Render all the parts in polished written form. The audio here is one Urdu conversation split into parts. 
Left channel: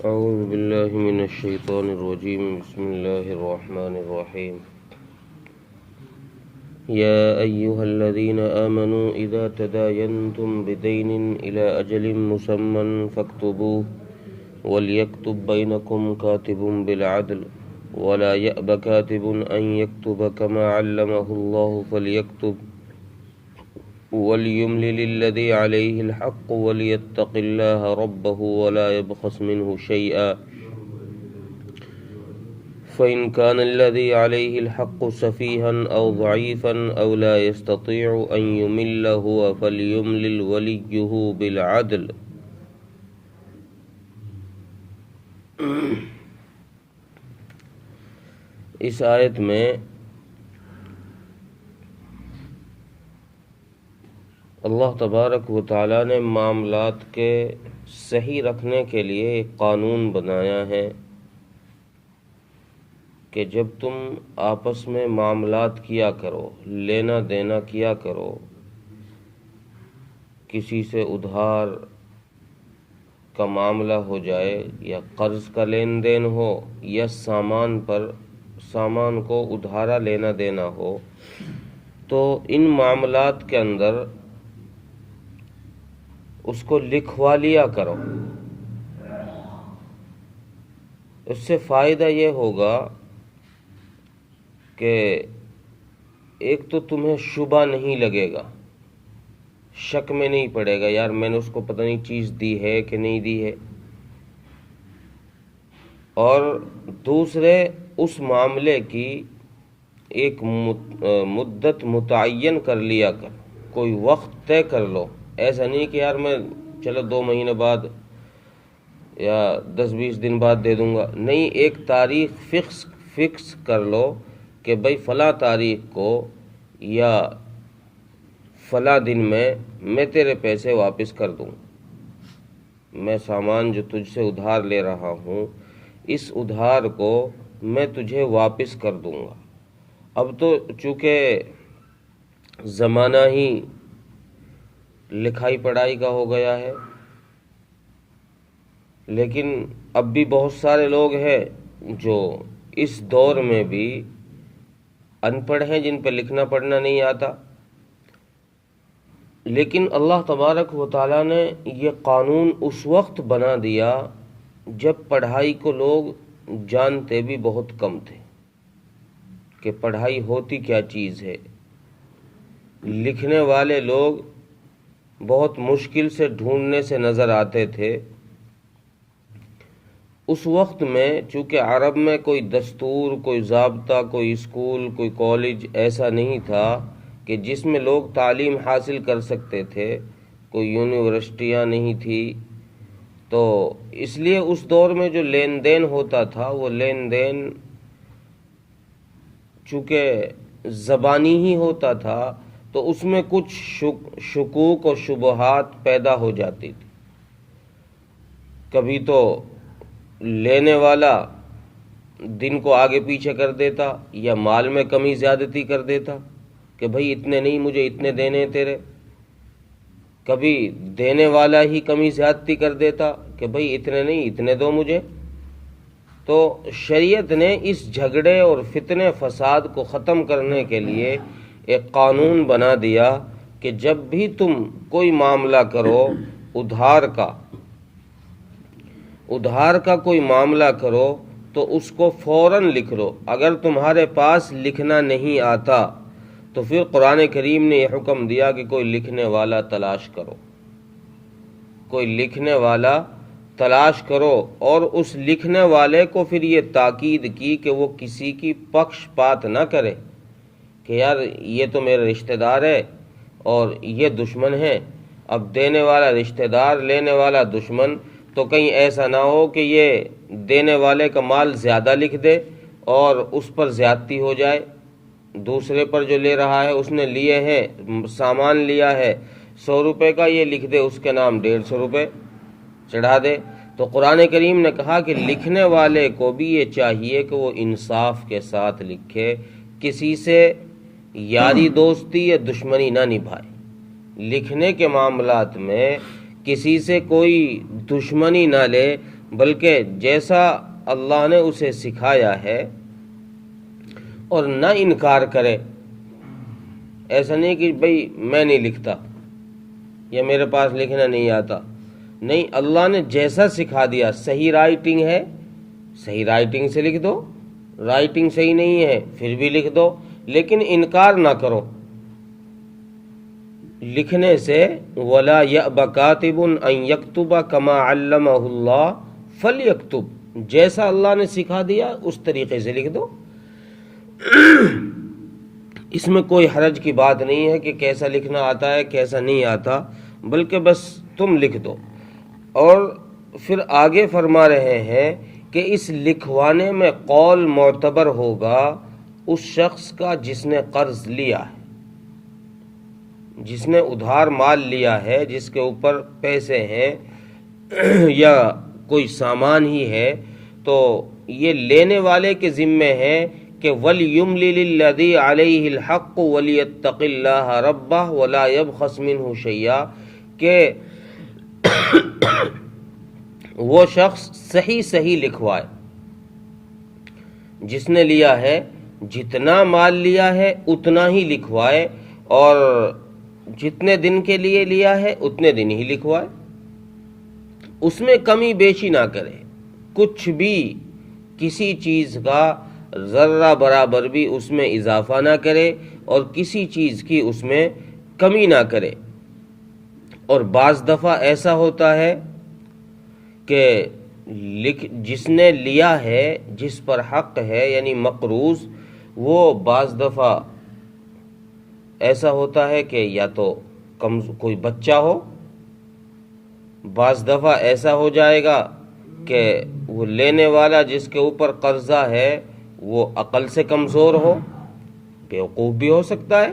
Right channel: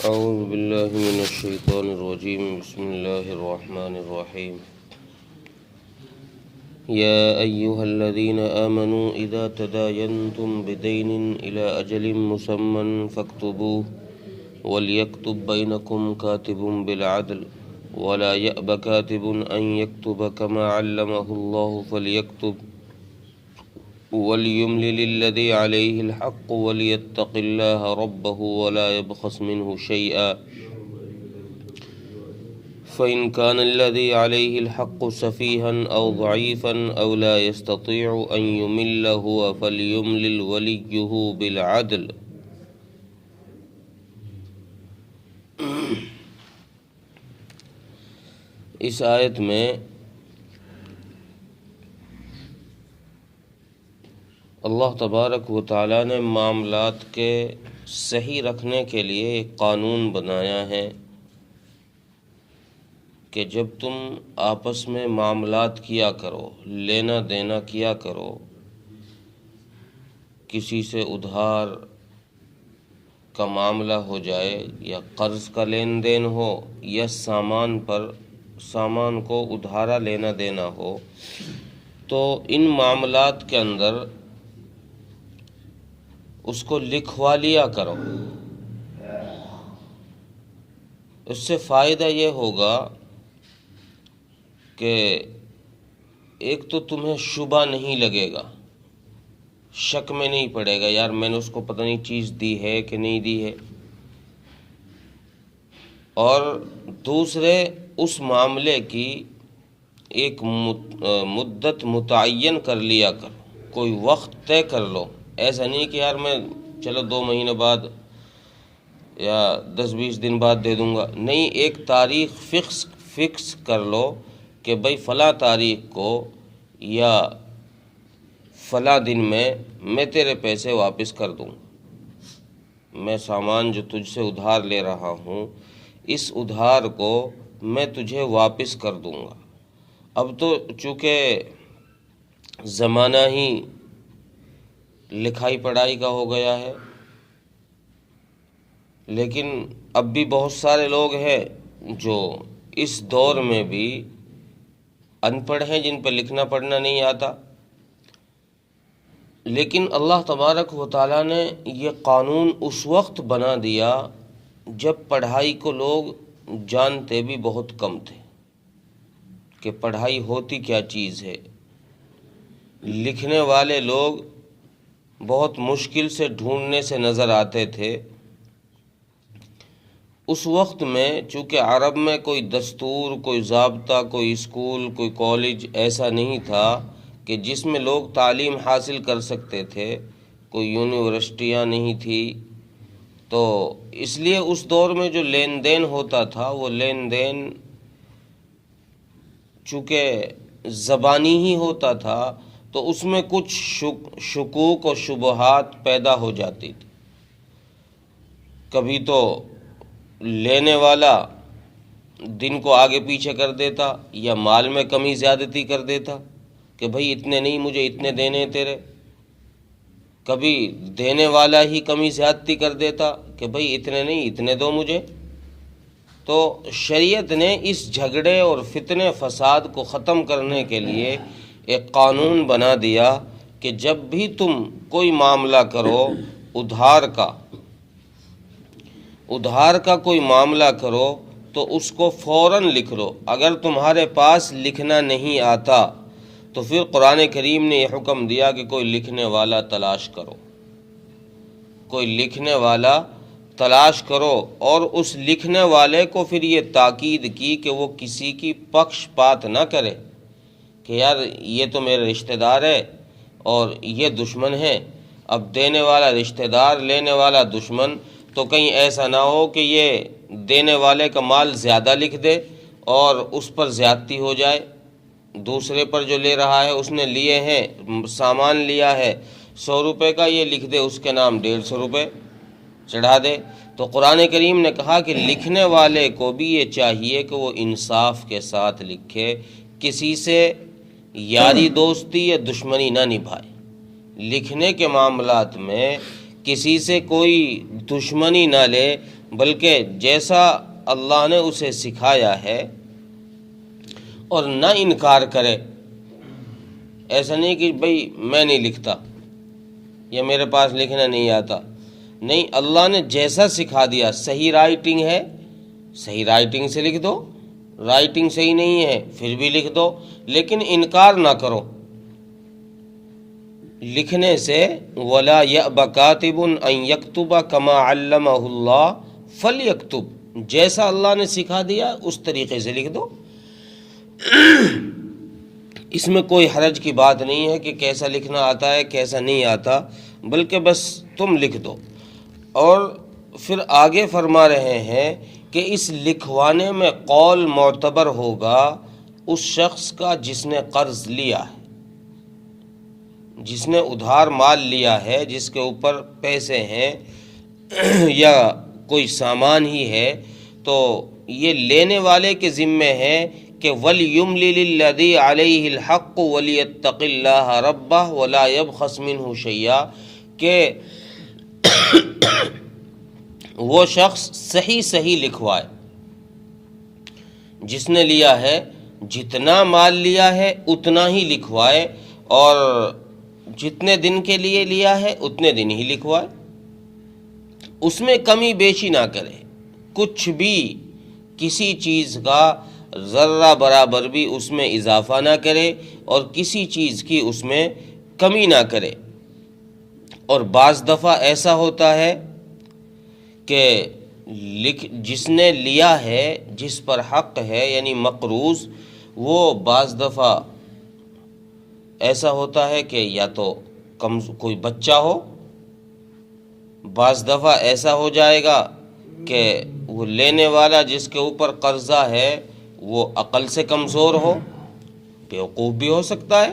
أعوذ بالله من الشيطان الرجيم. بسم الله الرحمن الرحيم. يا أيها الذين آمنوا إذا تداينتم بدين إلى أجل مسمى فاكتبوه وليكتب بينكم كاتب بالعدل ولا يأب كاتب أن يكتب كما علمه الله فليكتب وليملل الذي عليه الحق وليتق الله ربه ولا يبخس منه شيئا فإن كان الذي عليه الحق سفيها أو ضعيفا أو لا يستطيع أن يمل هو فليملل وليه بالعدل. اس آیت میں اللہ تبارک و تعالیٰ نے معاملات کے صحیح رکھنے کے لیے ایک قانون بنایا ہے کہ جب تم آپس میں معاملات کیا کرو، لینا دینا کیا کرو، کسی سے ادھار کا معاملہ ہو جائے یا قرض کا لین دین ہو یا سامان کو ادھارا لینا دینا ہو، تو ان معاملات کے اندر اس کو لکھوا لیا کرو۔ اس سے فائدہ یہ ہوگا کہ ایک تو تمہیں شبہ نہیں لگے گا، شک میں نہیں پڑے گا یار میں نے اس کو پتہ نہیں چیز دی ہے کہ نہیں دی ہے، اور دوسرے اس معاملے کی ایک مدت متعین کر لیا کر، کوئی وقت طے کر لو۔ ایسا نہیں کہ یار میں چلو 2 مہینے بعد یا 10-20 دن بعد دے دوں گا، نہیں، ایک تاریخ فکس کر لو کہ بھئی فلاں تاریخ کو یا فلاں دن میں تیرے پیسے واپس کر دوں، میں سامان جو تجھ سے ادھار لے رہا ہوں اس ادھار کو میں تجھے واپس کر دوں گا۔ اب تو چونکہ زمانہ ہی لکھائی پڑھائی کا ہو گیا ہے، لیکن اب بھی بہت سارے لوگ ہیں جو اس دور میں بھی ان پڑھ ہیں، جن پہ لکھنا پڑھنا نہیں آتا، لیکن اللہ تبارک و تعالیٰ نے یہ قانون اس وقت بنا دیا جب پڑھائی کو لوگ جانتے بھی بہت کم تھے کہ پڑھائی ہوتی کیا چیز ہے۔ لکھنے والے لوگ بہت مشکل سے ڈھونڈنے سے نظر آتے تھے۔ اس وقت میں چونکہ عرب میں کوئی دستور، کوئی ضابطہ، کوئی اسکول، کوئی کالج ایسا نہیں تھا کہ جس میں لوگ تعلیم حاصل کر سکتے تھے، کوئی یونیورسٹیاں نہیں تھی، تو اس لیے اس دور میں جو لین دین ہوتا تھا وہ لین دین چونکہ زبانی ہی ہوتا تھا تو اس میں کچھ شکوک و شبہات پیدا ہو جاتی تھی۔ کبھی تو لینے والا دن کو آگے پیچھے کر دیتا یا مال میں کمی زیادتی کر دیتا کہ بھئی اتنے نہیں، مجھے اتنے دینے تیرے، کبھی دینے والا ہی کمی زیادتی کر دیتا کہ بھئی اتنے نہیں، اتنے دو مجھے۔ تو شریعت نے اس جھگڑے اور فتنے فساد کو ختم کرنے کے لیے ایک قانون بنا دیا کہ جب بھی تم کوئی معاملہ کرو، ادھار کا کوئی معاملہ کرو تو اس کو فوراً لکھ لو۔ اگر تمہارے پاس لکھنا نہیں آتا تو پھر قرآن کریم نے یہ حکم دیا کہ کوئی لکھنے والا تلاش کرو، کوئی لکھنے والا تلاش کرو، اور اس لکھنے والے کو پھر یہ تاکید کی کہ وہ کسی کی پکش پات نہ کرے کہ یار یہ تو میرا رشتہ دار ہے اور یہ دشمن ہے۔ اب دینے والا رشتہ دار، لینے والا دشمن، تو کہیں ایسا نہ ہو کہ یہ دینے والے کا مال زیادہ لکھ دے اور اس پر زیادتی ہو جائے، دوسرے پر جو لے رہا ہے اس نے لیے ہیں، سامان لیا ہے 100 روپے کا، یہ لکھ دے اس کے نام 150 روپے چڑھا دے۔ تو قرآن کریم نے کہا کہ لکھنے والے کو بھی یہ چاہیے کہ وہ انصاف کے ساتھ لکھے، کسی سے یاری دوستی یا دشمنی نہ نبھائے۔ لکھنے کے معاملات میں کسی سے کوئی دشمنی نہ لے، بلکہ جیسا اللہ نے اسے سکھایا ہے، اور نہ انکار کرے۔ ایسا نہیں کہ بھئی میں نہیں لکھتا یا میرے پاس لکھنا نہیں آتا، نہیں، اللہ نے جیسا سکھا دیا، صحیح رائٹنگ ہے صحیح رائٹنگ سے لکھ دو، رائٹنگ صحیح نہیں ہے پھر بھی لکھ دو، لیکن انکار نہ کرو لکھنے سے۔ وَلَا يَأْبَ كَاتِبٌ أَن يَكْتُبَ كَمَا عَلَّمَهُ اللَّهُ فَلْيَكْتُبْ، جیسا اللہ نے سکھا دیا اس طریقے سے لکھ دو۔ اس میں کوئی حرج کی بات نہیں ہے کہ کیسا لکھنا آتا ہے کیسا نہیں آتا، بلکہ بس تم لکھ دو۔ اور پھر آگے فرما رہے ہیں کہ اس لکھوانے میں قول معتبر ہوگا اس شخص کا جس نے قرض لیا ہے، جس نے ادھار مال لیا ہے، جس کے اوپر پیسے ہیں یا کوئی سامان ہی ہے، تو یہ لینے والے کے ذمے ہے کہ وَلْيُمْلِلِ الَّذِي عَلَيْهِ الْحَقُّ وَلْيَتَّقِ اللَّهَ رَبَّهُ وَلَا يَبْخَسْ مِنْهُ شَيْئًا، کہ وہ شخص صحیح لکھوائے، جس نے لیا ہے جتنا مال لیا ہے اتنا ہی لکھوائے، اور جتنے دن کے لیے لیا ہے اتنے دن ہی لکھوائے، اس میں کمی بیشی نہ کرے، کچھ بھی کسی چیز کا ذرہ برابر بھی اس میں اضافہ نہ کرے اور کسی چیز کی اس میں کمی نہ کرے۔ اور بعض دفعہ ایسا ہوتا ہے کہ جس نے لیا ہے، جس پر حق ہے یعنی مقروض، وہ بعض دفعہ ایسا ہوتا ہے کہ یا تو کوئی بچہ ہو، بعض دفعہ ایسا ہو جائے گا کہ وہ لینے والا جس کے اوپر قرضہ ہے وہ عقل سے کمزور ہو، بیوقوف بھی ہو سکتا ہے،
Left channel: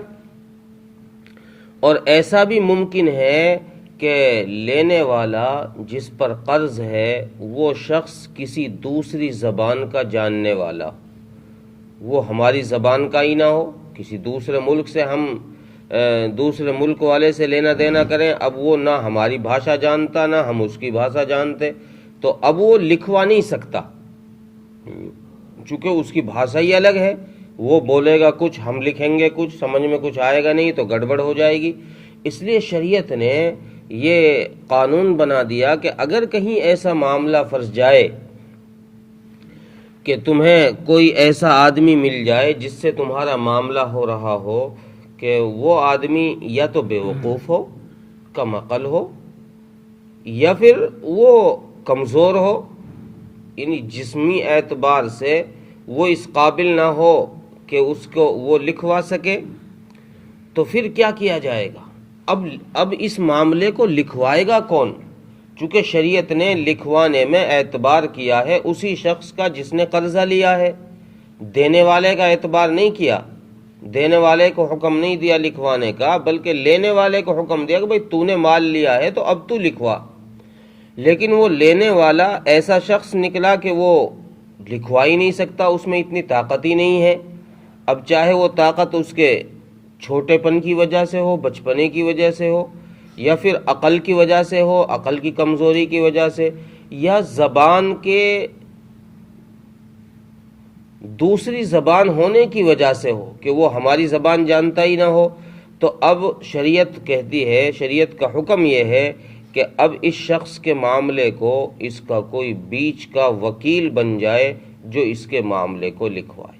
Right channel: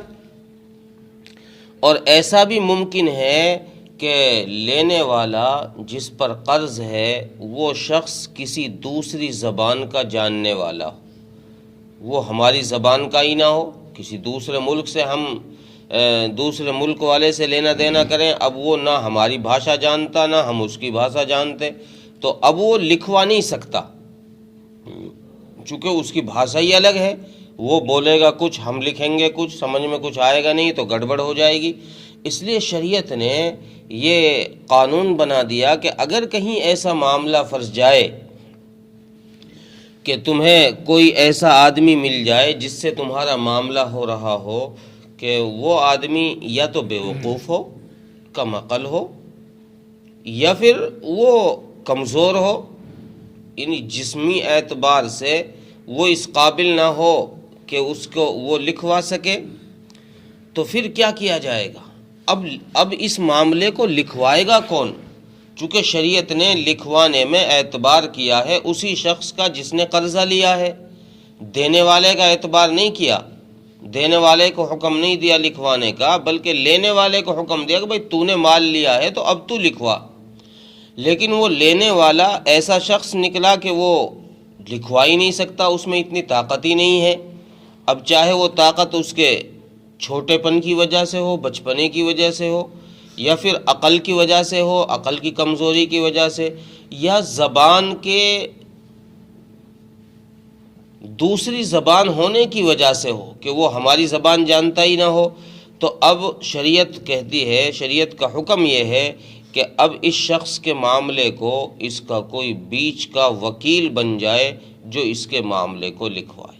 اور ایسا بھی ممکن ہے کہ لینے والا جس پر قرض ہے وہ شخص کسی دوسری زبان کا جاننے والا، وہ ہماری زبان کا ہی نہ ہو، کسی دوسرے ملک سے ہم دوسرے ملک والے سے لینا دینا کریں، اب وہ نہ ہماری بھاشا جانتا نہ ہم اس کی بھاشا جانتے، تو اب وہ لکھوا نہیں سکتا، چونکہ اس کی بھاشا ہی الگ ہے، وہ بولے گا کچھ، ہم لکھیں گے کچھ، سمجھ میں کچھ آئے گا نہیں تو گڑبڑ ہو جائے گی۔ اس لیے شریعت نے یہ قانون بنا دیا کہ اگر کہیں ایسا معاملہ فرض جائے کہ تمہیں کوئی ایسا آدمی مل جائے جس سے تمہارا معاملہ ہو رہا ہو کہ وہ آدمی یا تو بیوقوف ہو، کم عقل ہو، یا پھر وہ کمزور ہو، یعنی جسمی اعتبار سے وہ اس قابل نہ ہو کہ اس کو وہ لکھوا سکے، تو پھر کیا کیا جائے گا؟ اب اس معاملے کو لکھوائے گا کون؟ چونکہ شریعت نے لکھوانے میں اعتبار کیا ہے اسی شخص کا جس نے قرضہ لیا ہے، دینے والے کا اعتبار نہیں کیا، دینے والے کو حکم نہیں دیا لکھوانے کا، بلکہ لینے والے کو حکم دیا کہ بھائی تو نے مال لیا ہے تو اب تو لکھوا۔ لیکن وہ لینے والا ایسا شخص نکلا کہ وہ لکھوا ہی نہیں سکتا، اس میں اتنی طاقت ہی نہیں ہے۔ اب چاہے وہ طاقت اس کے چھوٹے پن کی وجہ سے ہو، بچپنے کی وجہ سے ہو، یا پھر عقل کی وجہ سے ہو، عقل کی کمزوری کی وجہ سے، یا زبان کے دوسری زبان ہونے کی وجہ سے ہو کہ وہ ہماری زبان جانتا ہی نہ ہو، تو اب شریعت کہتی ہے، شریعت کا حکم یہ ہے کہ اب اس شخص کے معاملے کو اس کا کوئی بیچ کا وکیل بن جائے جو اس کے معاملے کو لکھوائے،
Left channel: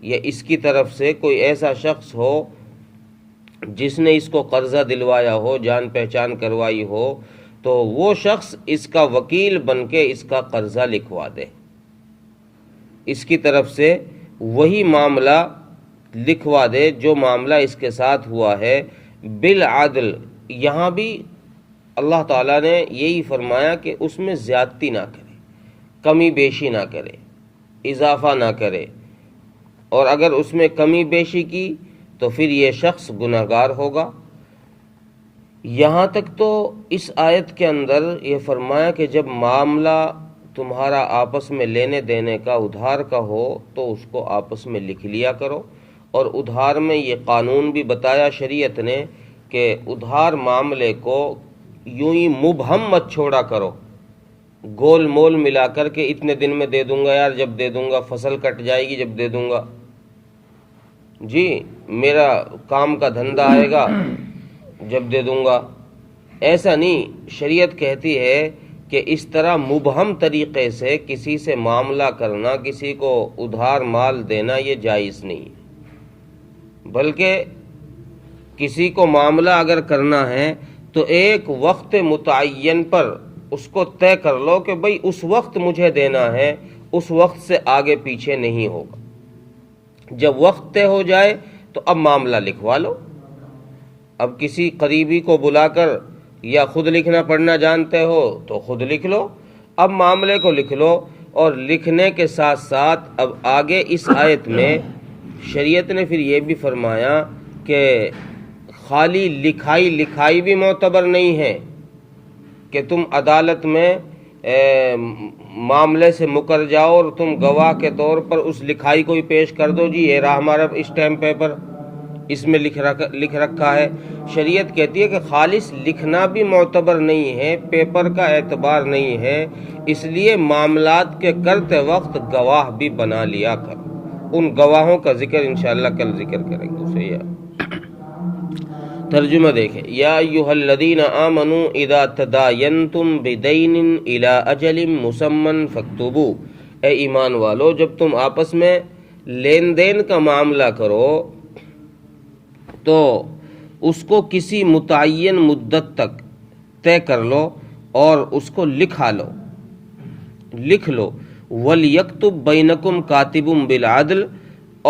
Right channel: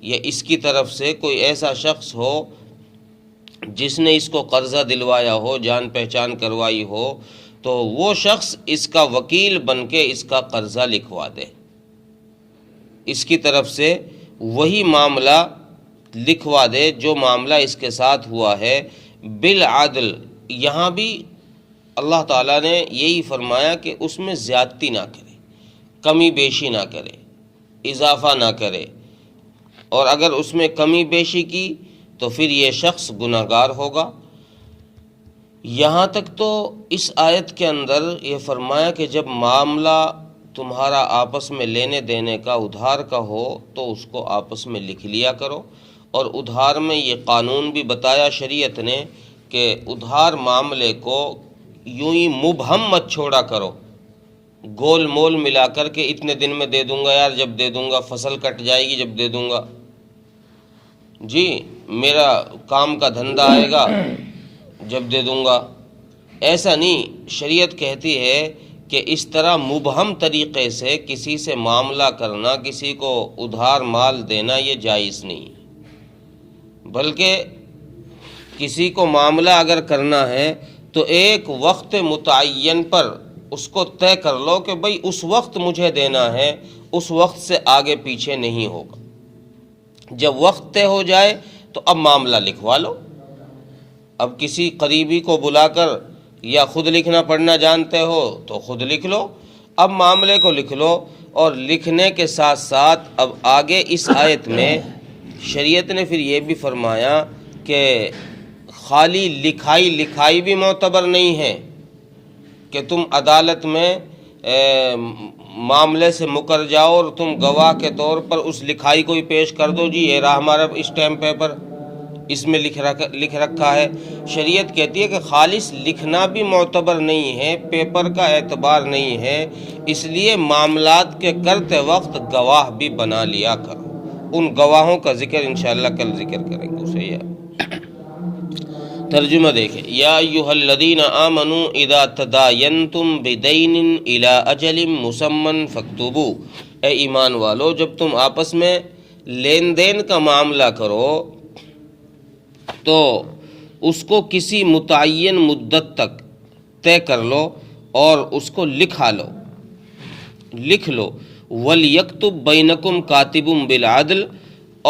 یا اس کی طرف سے کوئی ایسا شخص ہو جس نے اس کو قرضہ دلوایا ہو، جان پہچان کروائی ہو، تو وہ شخص اس کا وکیل بن کے اس کا قرضہ لکھوا دے، اس کی طرف سے وہی معاملہ لکھوا دے جو معاملہ اس کے ساتھ ہوا ہے بالعدل۔ یہاں بھی اللہ تعالیٰ نے یہی فرمایا کہ اس میں زیادتی نہ کرے، کمی بیشی نہ کرے، اضافہ نہ کرے، اور اگر اس میں کمی بیشی کی تو پھر یہ شخص گناہگار ہوگا۔ یہاں تک تو اس آیت کے اندر یہ فرمایا کہ جب معاملہ تمہارا آپس میں لینے دینے کا، ادھار کا ہو تو اس کو آپس میں لکھ لیا کرو، اور ادھار میں یہ قانون بھی بتایا شریعت نے کہ ادھار معاملے کو یوں ہی مبہم مت چھوڑا کرو، گول مول ملا کر کے اتنے دن میں دے دوں گا یار، جب دے دوں گا، فصل کٹ جائے گی جب دے دوں گا، جی میرا کام کا دھندہ آئے گا جب دے دوں گا. ایسا نہیں، شریعت کہتی ہے کہ اس طرح مبہم طریقے سے کسی سے معاملہ کرنا، کسی کو ادھار مال دینا یہ جائز نہیں ہے، بلکہ کسی کو معاملہ اگر کرنا ہے تو ایک وقت متعین پر اس کو طے کر لو کہ بھئی اس وقت مجھے دینا ہے، اس وقت سے آگے پیچھے نہیں ہوگا. جب وقت طے ہو جائے تو اب معاملہ لکھوا لو. اب کسی قریبی کو بلا کر، یا خود لکھنا پڑھنا جانتے ہو تو خود لکھ لو، اب معاملے کو لکھ لو. اور لکھنے کے ساتھ ساتھ اب آگے اس آیت میں شریعت نے پھر یہ بھی فرمایا کہ خالی لکھائی بھی معتبر نہیں ہے کہ تم عدالت میں معاملے سے مکر جاؤ اور تم گواہ کے طور پر اس لکھائی کو ہی پیش کر دو، جی یہ رہا ہمارا اسٹیمپ پیپر، اس میں لکھ رکھا ہے. شریعت کہتی ہے کہ خالص لکھنا بھی معتبر نہیں ہے، پیپر کا اعتبار نہیں ہے، اس لیے معاملات کے کرتے وقت گواہ بھی بنا لیا کرو. ان گواہوں کا ذکر انشاءاللہ کل ذکر کریں گے. اسے یا ترجمہ دیکھیں، یا ایھا الذین آمنوا اذا تداینتم بدین الی اجل مسمى فاکتبوا، اے ایمان والو جب تم آپس میں لین دین کا معاملہ کرو تو اس کو کسی متعین مدت تک طے کر لو اور اس کو لکھ لو. وَلْيَكْتُبْ بَيْنَكُمْ كَاتِبٌ بِالْعَدْلِ،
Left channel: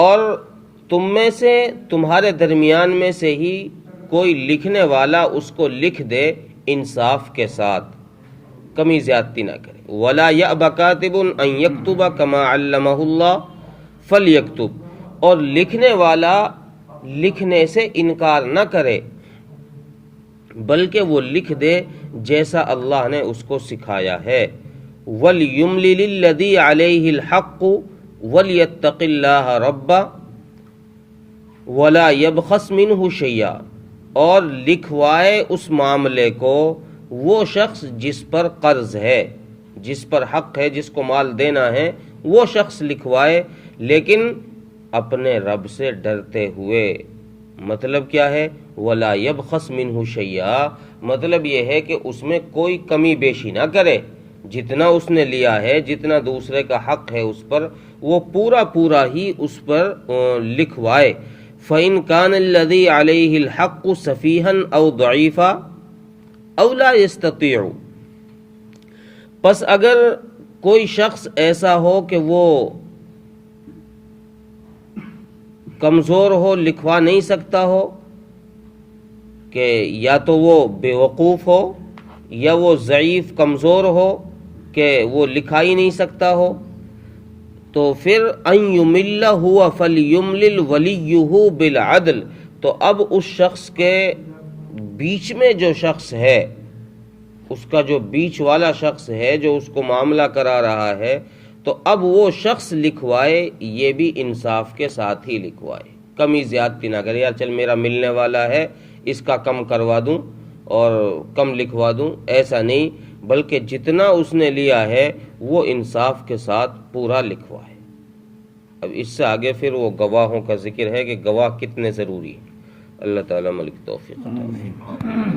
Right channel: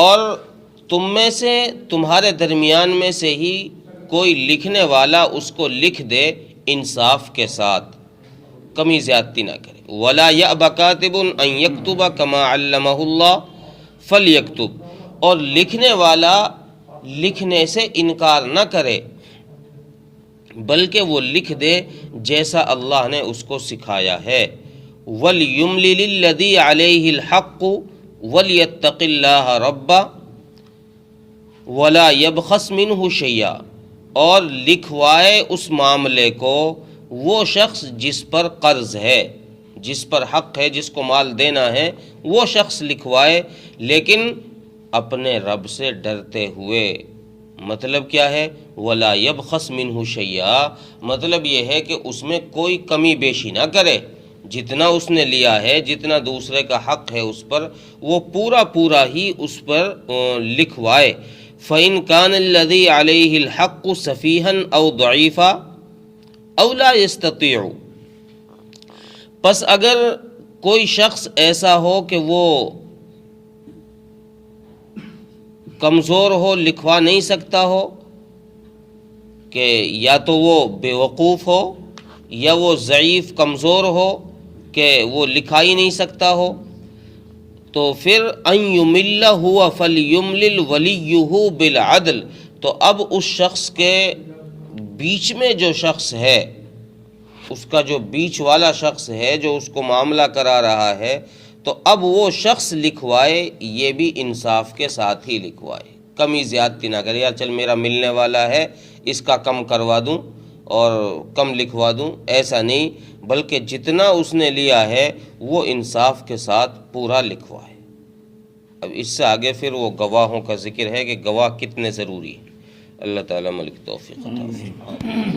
اور تم میں سے، تمہارے درمیان میں سے ہی کوئی لکھنے والا اس کو لکھ دے انصاف کے ساتھ، کمی زیادتی نہ کرے. وَلَا يَأْبَ كَاتِبٌ أَن يَكْتُبَ كَمَا عَلَّمَهُ اللَّهُ فَلْيَكْتُبْ، اور لکھنے والا لکھنے سے انکار نہ کرے بلکہ وہ لکھ دے جیسا اللہ نے اس کو سکھایا ہے. وَلْيُمْلِلِ الَّذِي عَلَيْهِ الْحَقُّ وَلْيَتَّقِ اللَّهَ رَبَّهُ وَلَا يَبْخَسْ مِنْهُ شَيْئًا، اور لکھوائے اس معاملے کو وہ شخص جس پر قرض ہے، جس پر حق ہے، جس کو مال دینا ہے، وہ شخص لکھوائے لیکن اپنے رب سے ڈرتے ہوئے. مطلب کیا ہے؟ وَلَا يَبْخَسْ مِنْهُ شَيْئًا، مطلب یہ ہے کہ اس میں کوئی کمی بیشی نہ کرے، جتنا اس نے لیا ہے، جتنا دوسرے کا حق ہے اس پر، وہ پورا ہی اس پر لکھوائے. فَإِنْ كَانَ الَّذِي عَلَيْهِ الْحَقُّ سَفِيهًا أَوْ ضَعِيفًا أَوْ لَا يَسْتَطِيعُ، پس اگر کوئی شخص ایسا ہو کہ وہ کمزور ہو، لکھوا نہیں سکتا ہو، کہ یا تو وہ بے وقوف ہو یا وہ ضعیف کمزور ہو کہ وہ لکھا ہی نہیں سکتا ہو، تو پھر ان یمل ہوا فلیملل ولیہ بالعدل، تو اب اس شخص کے بیچ میں جو شخص ہے، اس کا جو بیچ والا شخص ہے جو اس کو معاملہ کرا رہا ہے، تو اب وہ شخص لکھوائے، یہ بھی انصاف کے ساتھ ہی لکھوائے، کمی زیادتی نہ کرے. یار چل میرا ملنے والا ہے، اس کا کم کروا دوں اور کم لکھوا دوں، ایسا نہیں، بلکہ جتنا اس نے لیا ہے وہ انصاف کے ساتھ پورا لکھوائے. اب اس سے آگے پھر وہ گواہوں کا ذکر ہے کہ گواہ کتنے ضروری ہیں. اللہ تعالیٰ ملک توفیق عطا فرمائے.